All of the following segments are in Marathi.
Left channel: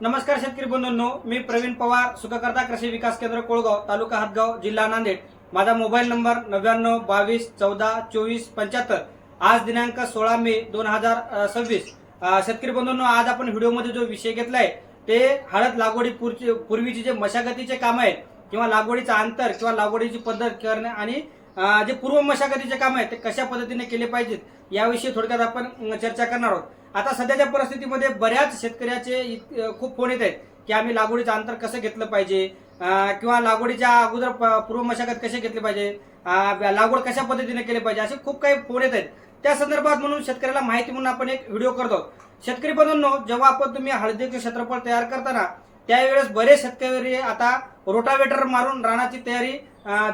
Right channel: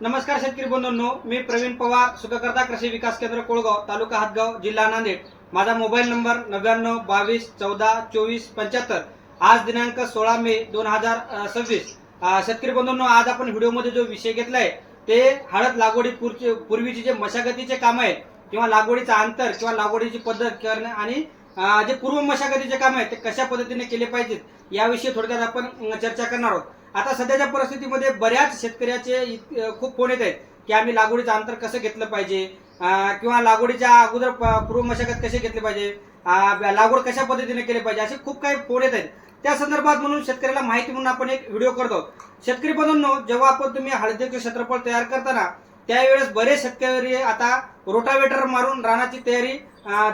नमस्कार शेतकरी बंधूंनो, मी प्रवीण पवार, सुखकर्ता कृषी विकास केंद्र कोळगाव, तालुका हातगाव, जिल्हा नांदेड. माझा मोबाईल नंबर 9922142475. आज दिनांक 16 मे 2026. शेतकरी बंधूंनो, आज आपण व्हिडिओमध्ये जो विषय घेतलाय ते हळद लागवडी पूर्वीचे जे मशागतीचे काम आहेत किंवा लागवडीचा अंतर किंवा लागवडीची पद्धत करणे आणि जे पूर्व मशागतीचे काम आहेत ते कशा पद्धतीने केले पाहिजेत याविषयी थोडक्यात आपण चर्चा करणार आहोत. आता सध्याच्या परिस्थितीमध्ये बऱ्याच शेतकऱ्याचे खूप फोन येत आहेत की आम्ही लागवडीचं अंतर कसं घेतलं पाहिजे किंवा लागवडीच्या अगोदर पूर्व मशागत कशी घेतली पाहिजे, लागवड कशा पद्धतीने केली पाहिजे, असे खूप काही फोन येत आहेत. त्या संदर्भात म्हणून शेतकऱ्याला माहिती म्हणून आपण एक व्हिडिओ करतो. शेतकरी बंधूंनो, जेव्हा आपण तुम्ही हळदीचे क्षेत्रफळ तयार करताना त्यावेळेस बरेच शेतकरी आता रोटावेटर मारून रानाची तयारी,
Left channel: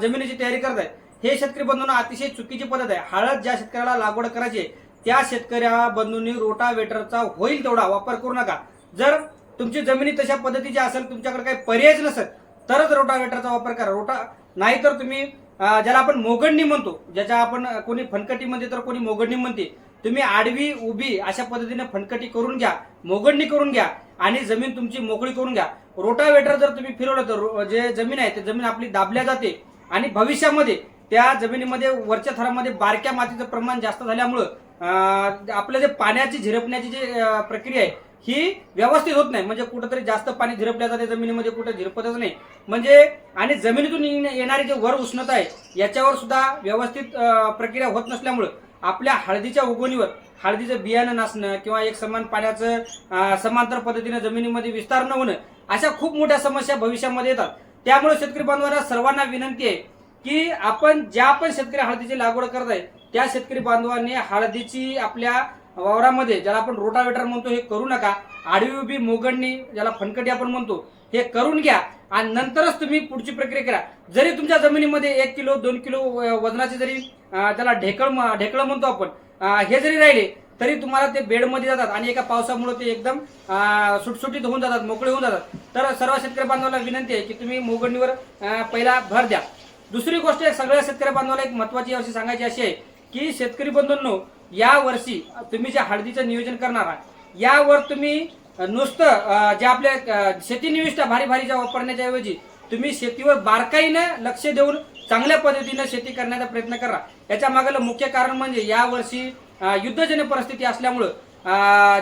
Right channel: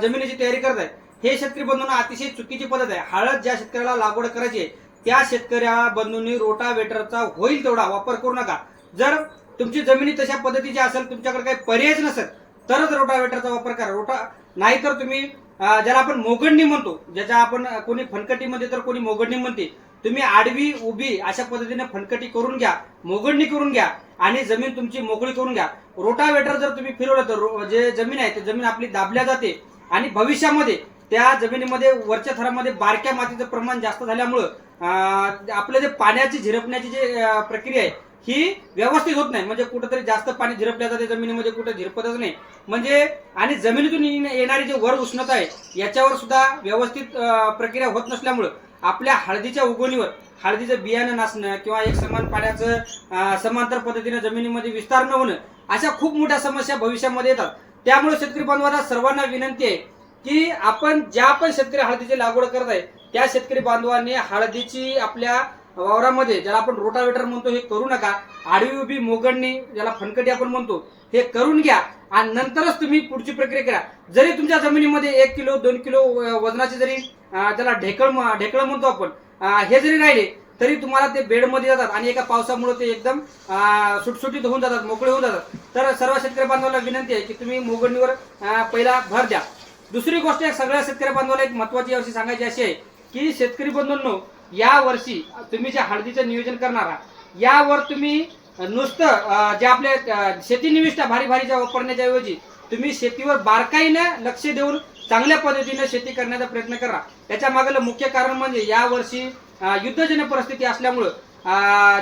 जमिनीची तयारी करत आहेत. हे शेतकरी बंधूंना अतिशय चुकीची पद्धत आहे. हळद ज्या शेतकऱ्याला लागवड करायची आहे त्या शेतकऱ्या बंधूंनी रोटावेटरचा होईल तेवढा वापर करू नका. जर तुमची जमिनी तशा पद्धतीची असेल, तुमच्याकडे काही पर्यायच नसेल तरच रोटावेटरचा वापर करा. नाहीतर तुम्ही ज्याला आपण मोगडणी म्हणतो, ज्याच्या आपण कोणी फनकटी म्हणते तर कोणी मोगडणी म्हणते, तुम्ही आडवी उभी अशा पद्धतीने फनकटी करून घ्या, मोगडणी करून घ्या आणि जमीन तुमची मोकळी करून घ्या. रोटावेटर जर तुम्ही फिरवलं तर जे जमीन आहे ते जमीन आपली दाबल्या जाते आणि भविष्यामध्ये त्या जमिनीमध्ये वरच्या थरामध्ये बारक्या मातीचं प्रमाण जास्त झाल्यामुळं आपलं जे पाण्याची झिरपण्याची जे प्रक्रिया आहे ही व्यवस्थित होत नाही. म्हणजे कुठेतरी जास्त पाणी झिरपल्या जाते जमिनीमध्ये, कुठे झिरपतच नाही. म्हणजे आणि जमिनीतून येणारी जे वर उष्णता आहे याच्यावर सुद्धा व्यवस्थित प्रक्रिया होत नसल्यामुळं आपल्या हळदीच्या उगवणीवर हळदीचं बियाणं नसणं किंवा एक समान पाण्याचं समांतर पद्धतीने जमिनीमध्ये विस्तार न होणं, अशा खूप मोठ्या समस्या भविष्यामध्ये येतात. त्यामुळे शेतकरी बांधवांना सर्वांना विनंती आहे की आपण ज्या पण शेतकरी हळदीची लागवड करत आहे त्या शेतकरी बांधवांनी हळदीची आपल्या वावरामध्ये, ज्याला आपण रोटावेटर म्हणतो, हे करू नका. आडवी उभी मोगडणी, ज्याला फनकटी आपण म्हणतो, हे करून घ्या आणि नंतरच तुम्ही पुढची प्रक्रिया करा. जरी तुमच्या जमिनीमध्ये 1 किलो 2 किलो वजनाचे जरी त्याला ढेकळ म्हणतो आपण, हे जरी राहिले तरी तुम्हाला ते बेडमध्ये जातात आणि एका पावसामुळे ते एकदम सुटसुटीत होऊन जातात, मोकळे होऊन जातात. तर सर्व शेतकरी बांधवांना विनंती आहे की तुम्ही मोगडणीवर पहिला भर द्या. दुसरी गोष्ट सगळ्या शेतकरी बांधवांना एक महत्वाची यावर्षी सांगायची अशी आहे की शेतकरी बंधूंनो, या वर्षी तुम्ही जे हळदीचं नियोजन करणार आहात यावर तुम्ही नुसतं जे आपल्या शेती निविष्ठा भारी भारीच्या वापरण्याच्या ऐवजी तुम्ही शेतीवर बारकाईनं लक्ष देऊन चांगल्या पद्धतीने शेती करण्याचा प्रयत्न करा. याच्या मागलं मुख्य कारण म्हणजे या वर्षी युद्धजन्य परिस्थिती असल्यामुळं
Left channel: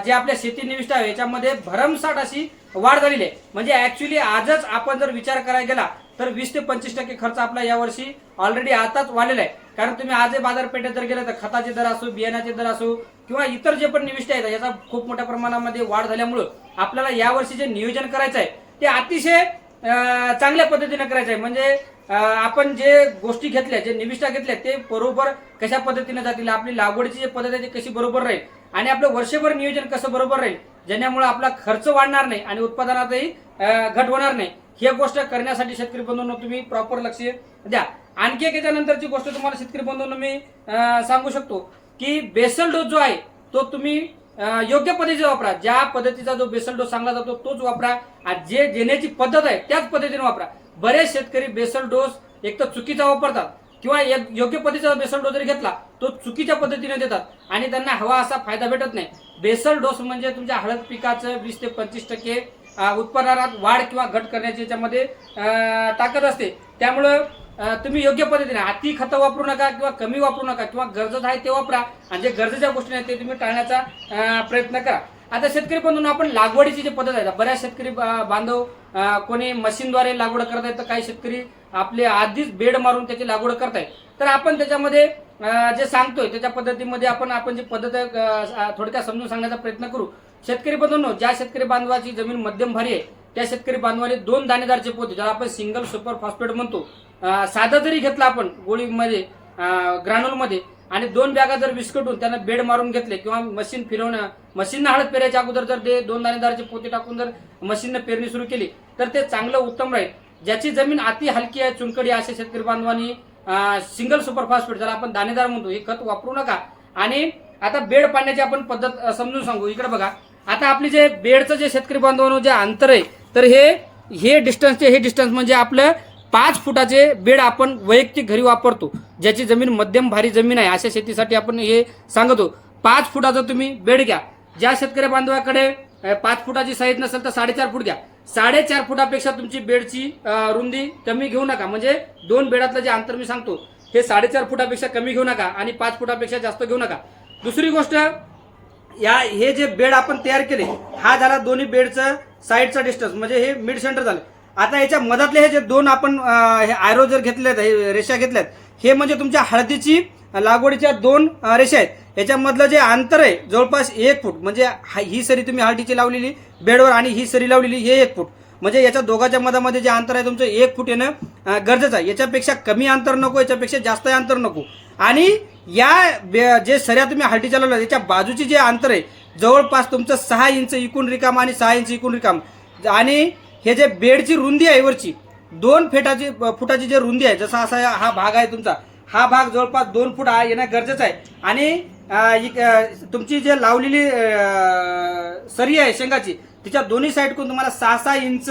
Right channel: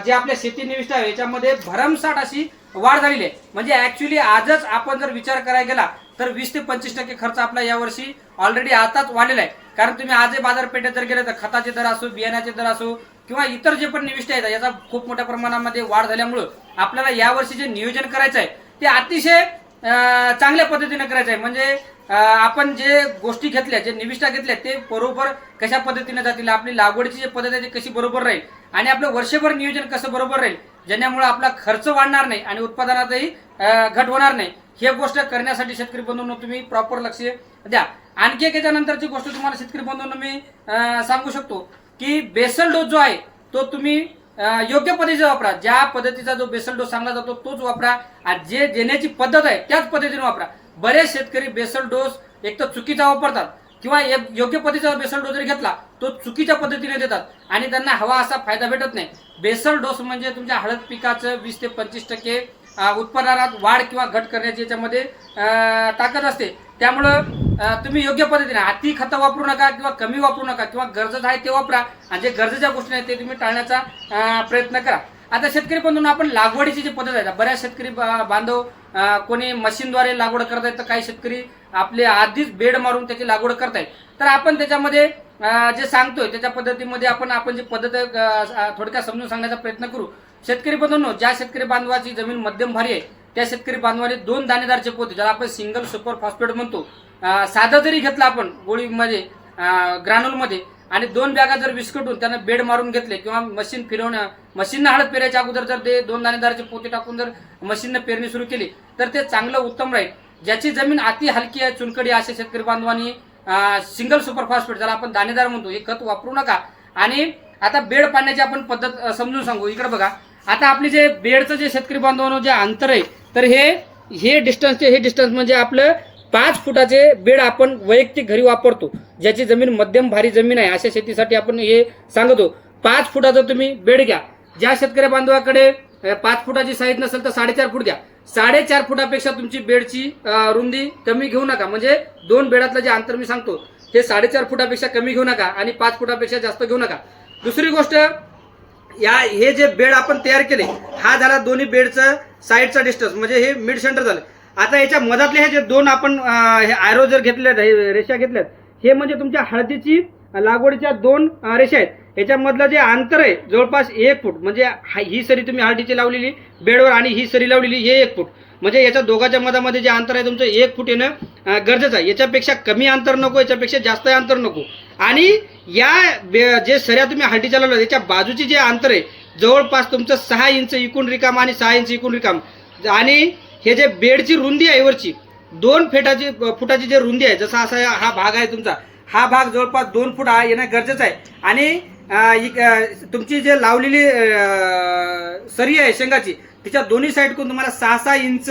जे आपल्या शेती निविष्ठा आहे याच्यामध्ये भरमसाठ अशी वाढ झालेली आहे. म्हणजे ऍक्च्युली आजच आपण जर विचार करायला गेला तर 20 ते 25% खर्च आपला यावर्षी ऑलरेडी आताच वाढलेला आहे. कारण तुम्ही आजही बाजारपेठेत जर गेले तर खताचे दर असो, बियाण्याचे दर असो किंवा इतर जे पण निविष्ठा आहेत याचा खूप मोठ्या प्रमाणामध्ये वाढ झाल्यामुळं आपल्याला यावर्षी जे नियोजन करायचं आहे ते अतिशय चांगल्या पद्धतीने करायचं आहे. म्हणजे आपण जे गोष्टी घेतल्या, जे निविष्ठा घेतल्या ते बरोबर कशा पद्धतीने जातील, आपली लागवडीची जी पद्धत आहे ती कशी बरोबर राहील आणि आपलं वर्षभर नियोजन कसं बरोबर राहील, ज्यामुळे आपला खर्च वाढणार नाही आणि उत्पादनातही घट होणार नाही. ही गोष्ट करण्यासाठी शेतकरी बंधूंनो तुम्ही प्रॉपर लक्ष द्या. आणखी एक याच्यानंतरची गोष्ट तुम्हाला शेतकरी बंधूंनो मी सांगू शकतो की बेसल डोस जो आहे तो तुम्ही योग्य पद्धतीचा वापरा. ज्या पद्धतीचा जो बेसल डोस सांगला जातो तोच वापरा. जे देण्याची पद्धत आहे त्याच पद्धतीने वापरा. बरेच शेतकरी बेसल डोस एक तर चुकीचा वापरतात किंवा योग्य पद्धतीचा बेसल डोस जरी घेतला तो चुकीच्या पद्धतीने देतात आणि त्यांना हवा असा फायदा भेटत नाही. बेसल डोस म्हणजे तुमच्या हळद पिकाचं 20 ते 25% उत्पादनात वाढ किंवा घट करण्याची याच्यामध्ये ताकद असते. त्यामुळं तुम्ही योग्य पद्धतीने अति खतं वापरू नका किंवा कमी वापरू नका किंवा गरजेचं आहे ते वापरा आणि जे गरजेच्या गोष्टी आहेत ते तुम्ही टाळण्याचा प्रयत्न करा. आता शेतकरी बंधूंना आपण लागवडीची जी पद्धत आहे, बऱ्याच शेतकरी बांधव कोणी मशीनद्वारे लागवड करत आहेत तर काही शेतकरी आपले आधीच बेड मारून त्याची लागवड करतायत. तर आपण त्याच्यामध्ये जे सांगतोय त्याच्या पद्धतीमध्ये आपण जी पद्धत थोडक्यात समजून सांगण्याचा प्रयत्न करू. शेतकरी बंधूंनो, ज्या शेतकरी बांधवाची जमीन मध्यम भारी आहे त्या शेतकरी बांधवाने 2 दाणेदारचे पोते, ज्याला आपण सिंगल सुपर फॉस्फेट म्हणतो, साधं जरी घेतलं आपण गोळीमध्ये ग्रानुलमध्ये आणि 2 बॅगा जर विस्कटून त्यांना बेड मारून घेतले किंवा मशीन फिरवणं, मशीननं हळद पेरायच्या अगोदर जर ते 2 दाणेदारचे पोते टाकून जर मशीननं पेरणी सुरू केली तर ते चांगलं उत्तम राहील. ज्याची जमीन अति हलकी आहे, चुनकडी, अशा शेतकरी बांधवांनी सिंगल सुपर फॉस्फेट, ज्याला आपण दाणेदार म्हणतो, हे खत वापरू नका. आणि आता बेड पाडण्याची आपण पद्धत समजून सांगू. इकडे बघा, आता आपली जे बेडचं जे शेतकरी बांधवांनो जे अंतर आहे तर हे डिस्टन्स म्हणजे आपलं 5 फुटाचे बेड आपण वैयक्तिक घरी वापरतो. ज्याची जमीन मध्यम भारी जमीन आहे अशा शेतीसाठी आपण हे सांगतो. 5 फुटाचं तुम्ही बेड घ्या. ज्या शेतकरी बांधवाकडे 5 फुटाची साईज नसेल तर 4.5 फूट घ्या. 4.5 फुटापेक्षा तुमची बेडची रुंदी कमी घेऊ नका. म्हणजे 2 बेडातलं जे अंतर मी सांगतो हे 4.5 फुटापेक्षा कमी घेऊ नका आणि 5 फुटापेक्षा जास्त घेऊ नका. दुसरी गोष्ट, हे जे बेड आपण तयार केले हा झाला दोन्ही बेडचं साईडचा डिस्टन्स, म्हणजे हे मिड सेंटर झालं. आता याच्या मधातले हे जे 2 आपण आयरो जर घेतल्यात, रेषा घेतल्यात, हे म्हणजे तुमच्या हळदीची लागवडीच्या 2 रेषा आहेत. याच्यामधलं जे अंतर आहे जवळपास 1 फूट. म्हणजे ही सरी तुम्ही हळदीची लावलेली बेडवर आणि ही सरी लावलेली हे 1 फूट. म्हणजे याच्या दोघांच्या मधामध्ये जे अंतर आहे तुमचं 1 फूट येणं गरजेचं आहे. याच्यापेक्षा कमी अंतर नको, याच्यापेक्षा जास्त अंतर नको. आणि जे सऱ्या तुम्ही हळदीच्या लावल्या याच्या बाजूची जे अंतर आहे जवळपास तुमचं 6 इंच इकून रिकाम आणि 6 इंच इकून रिकाम. आणि हे जे बेडची रुंदी आहे वरची 2 फुटाची जे रुंदी आहे, जसा असा हा भाग आहे तुमचा, हा भाग जवळपास 2 फूट येणं गरजेचं आहे. आणि तुमची जे लावलेली सरी आहे शेंगाची तिच्या दोन्ही साईडकडून तुम्हाला 6-6 इंच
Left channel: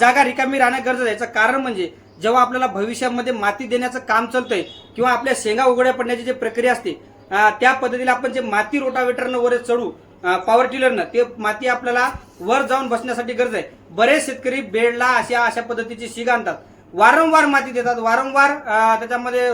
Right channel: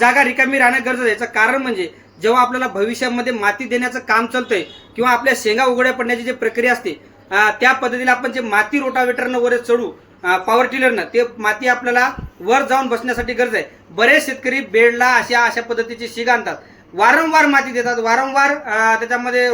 जागा रिकामी राहणं गरजेचं आहे. याचं कारण म्हणजे जेव्हा आपल्याला भविष्यामध्ये माती देण्याचं काम चालतंय किंवा आपल्या शेंगा उघड्या पडण्याची जी प्रक्रिया असते त्या पद्धतीने आपण जे माती रोटावेटरनं वर चढू पॉवर टिलरनं, ते माती आपल्याला वर जाऊन बसण्यासाठी गरज आहे. बरेच शेतकरी बेडला अशा पद्धतीची शीग आणतात, वारंवार माती देतात, वारंवार त्याच्यामध्ये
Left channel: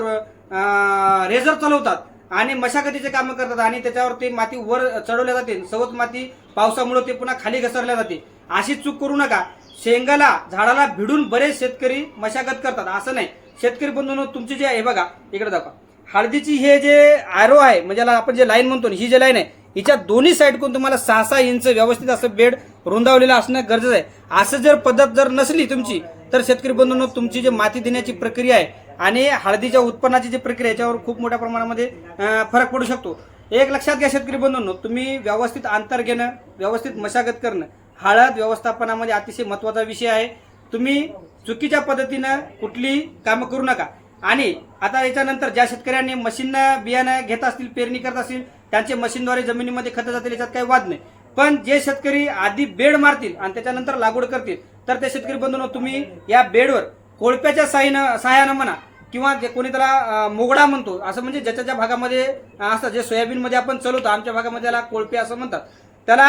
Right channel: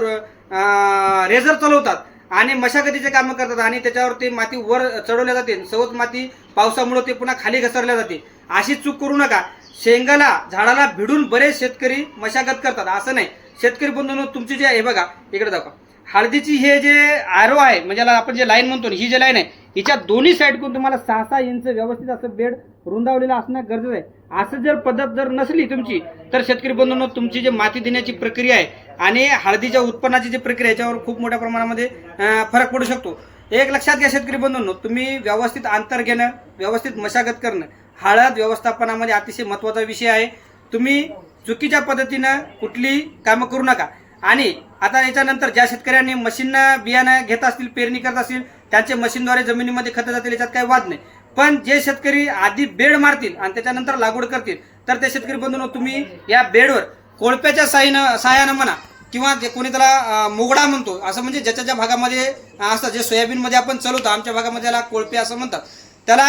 रेझर चालवतात आणि मशागतीचे कामं करतात आणि त्याच्यावर ते माती वर चढवल्या जाते. सवत माती पावसामुळे ते पुन्हा खाली घसरल्या जाते. अशी चूक करू नका. शेंगाला झाडाला भिडून बरेच शेतकरी मशागत करतात, असं नाही. शेतकरी बंधूंनो, तुमची जे आहे बघा इकडे दाखवा, हळदीची हे जे आरो आहे म्हणजे आपण जे लाईन म्हणतो, ही जी लाईन आहे हिच्या दोन्ही साईडकडून तुम्हाला 6-6 इंच व्यवस्थित असं बेड रुंदावलेलं असणं गरजेचं आहे. असं जर पद्धत जर नसली तुमची तर शेतकरी बंधूंनो, तुमची जी माती देण्याची प्रक्रिया आहे आणि हळदीच्या उत्पन्नाची जी प्रक्रिया याच्यावर खूप मोठ्या प्रमाणामध्ये फरक पडू शकतो. एक लक्षात घ्या शेतकरी बंधूंनो, तुम्ही व्यवस्थित अंतर घेणं, व्यवस्थित मशागत करणं हळद व्यवस्थापनामध्ये अतिशय महत्त्वाचा विषय आहे. तुम्ही चुकीच्या पद्धतीनं कुठली कामं करू नका. आणि आता याच्यानंतर ज्या शेतकऱ्यांनी मशीननं बियाणं घेत असतील, पेरणी करत असतील, त्यांचे मशीनद्वारे जमिनीमध्ये खतं जातील, याच्यात काही वाद नाही. पण जे शेतकरी आधी बेड मारतील आणि त्याच्यानंतर लागवड करतील तर त्या शेतकरी बंधूंनो, तुम्ही या बेडवर कोळप्याच्या साह्यानं म्हणा किंवा जे कोणी त्याला मोगडा म्हणतो, असं म्हणजे ज्याच्या ज्या भागामध्ये असतं, जे सोयाबीनमध्ये आपण चालवतो, आमच्या भागामध्ये त्याला कोळपे असं म्हणतात, त्याला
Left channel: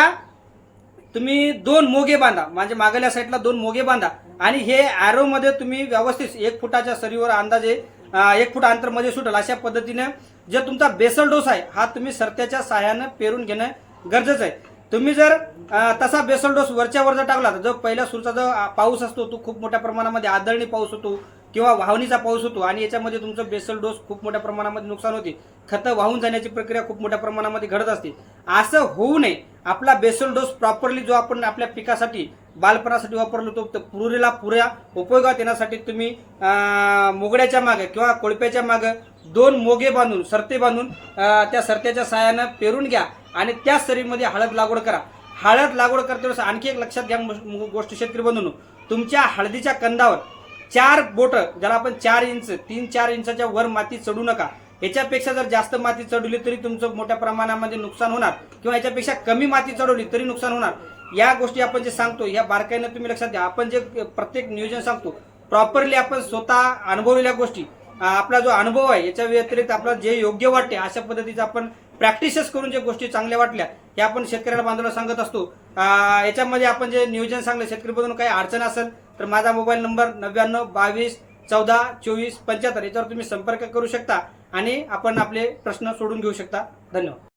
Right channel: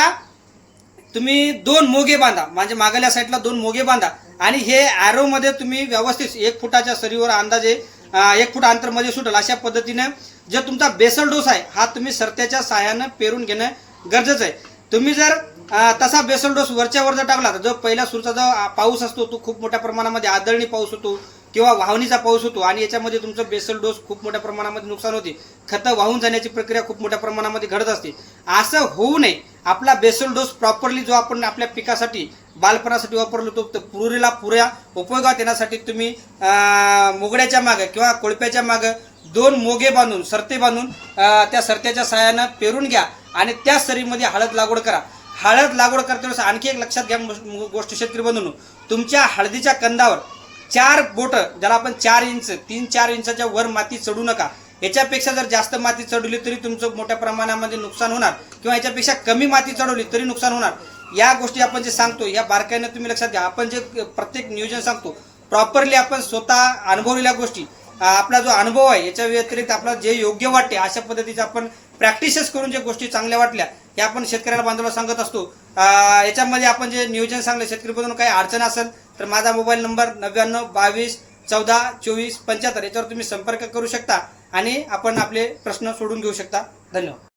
तुम्ही 2 मोगे बांधा. म्हणजे मागल्या साईडला 2 मोगे बांधा आणि हे ॲरोमध्ये तुम्ही व्यवस्थित 1 फुटाच्या सरीवर अंदाजे 1 फूट अंतर मध्ये सुटेल अशा पद्धतीनं जे तुमचा बेसल डोस आहे हा तुम्ही सरत्याच्या साह्यानं पेरून घेणं गरजेचं आहे. तुम्ही जर तसा बेसल डोस वरच्या वर जर टाकला तर जो पहिल्या सुरचा जो पाऊस असतो तो खूप मोठ्या प्रमाणामध्ये आदळणी पाऊस होतो किंवा वाहणीचा पाऊस होतो आणि याच्यामध्ये तुमचं बेसल डोस खूप मोठ्या प्रमाणामध्ये नुकसान होते. खतं वाहून जाण्याची प्रक्रिया खूप मोठ्या प्रमाणामध्ये घडत असते. असं होऊ नये. आपला बेसल डोस प्रॉपरली जो आपण आपल्या पिकासाठी बालपणासाठी वापरलो तो पुऱ्या उपयोगात येण्यासाठी तुम्ही मोगड्याच्या मागं किंवा कोळप्याच्या मागं 2 मोगे बांधून सरते बांधून त्या सरत्याच्या साह्यानं पेरून घ्या आणि त्या सरीमध्ये हळद लागवड करा. हळद लागवड करताना आणखी एक लक्षात घ्या गोष्ट शेतकरी बंधूंनो, तुमच्या हळदीच्या कंदावर 4 बोटं, ज्याला आपण 4 इंच 3-4 इंचाच्या वर माती चढू नका. याच्यापेक्षा जर जास्त माती चढवली तरी तुमचं मोठ्या प्रमाणामध्ये नुकसान होणार किंवा याच्यापेक्षा कमी माती चढवली तरी नुकसान होणार. या गोष्टी आपण जे सांगतो या बारकाईनं तुम्ही लक्षात घ्या. आपण जे प्रत्येक नियोजन सांगतो प्रॉपरली आपण स्वतः अनुभवलेल्या गोष्टी, आपला जो अनुभव आहे याच्या व्यतिरिक्त आपल्याला जे योग्य वाटते अशा पद्धतीचं आपण प्रॅक्टिसेस करून जे गोष्टी चांगल्या वाटल्या हे आपण शेतकऱ्याला बांधवाला सांगत असतो. याच्यामध्ये आपण जे नियोजन सांगलं शेतकरी बंधूंनो, काही अडचण असेल तर माझा मोबाईल नंबर 99 22 14 24 75 याच्यावर तुम्ही संपर्क करू शकता आणि आपण आपले प्रश्न सोडून घेऊ शकता. धन्यवाद.